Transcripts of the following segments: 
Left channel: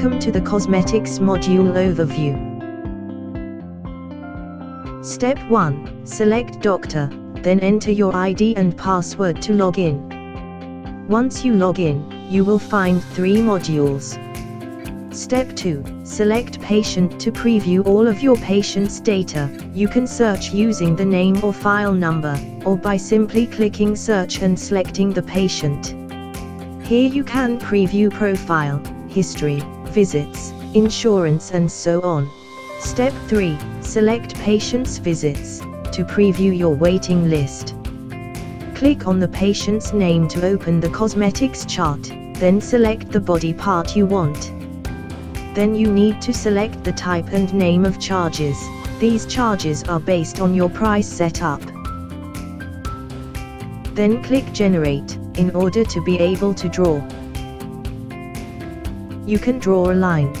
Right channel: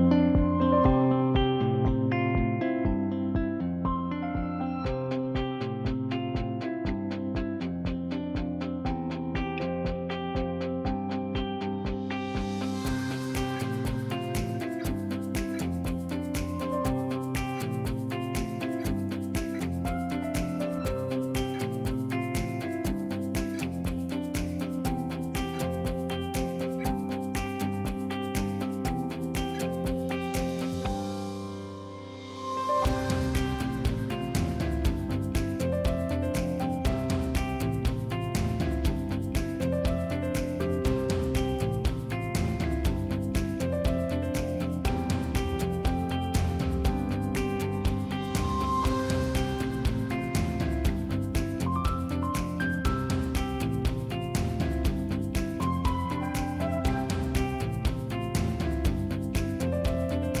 Welcome to the Cosmetics module overview. Step 1. Select Doctor, then enter your ID and password to log in. Once you log in, you will find 3 modules. Step 2. Select Patient to preview all of your patient's data. You can search using the name or file number, or by simply clicking Search and selecting the patient. Here you can preview profile, history, visits, insurance and so on. Step 3. Select Patient's visits, to preview your waiting list. Click on the patient's name to open the cosmetics chart, then select the body part you want. Then you need to select the type and name of charges. These charges are based on your price setup. Then click Generate, in order to be able to draw. You can draw a line,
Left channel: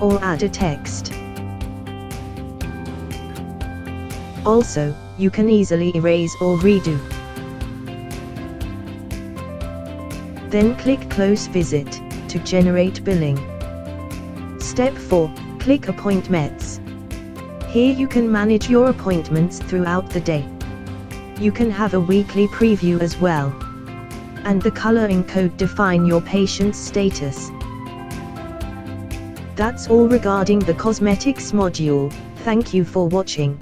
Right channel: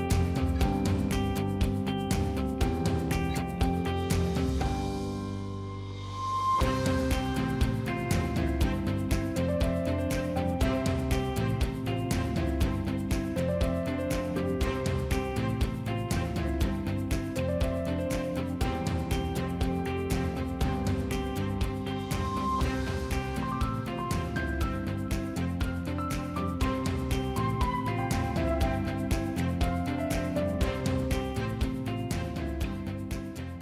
or add a text. Also, you can easily erase or redo. Then click Close Visit, to generate billing. Step 4. Click Appointments. Here you can manage your appointments throughout the day. You can have a weekly preview as well. And the coloring code define your patient's status. That's all regarding the cosmetics module. Thank you for watching.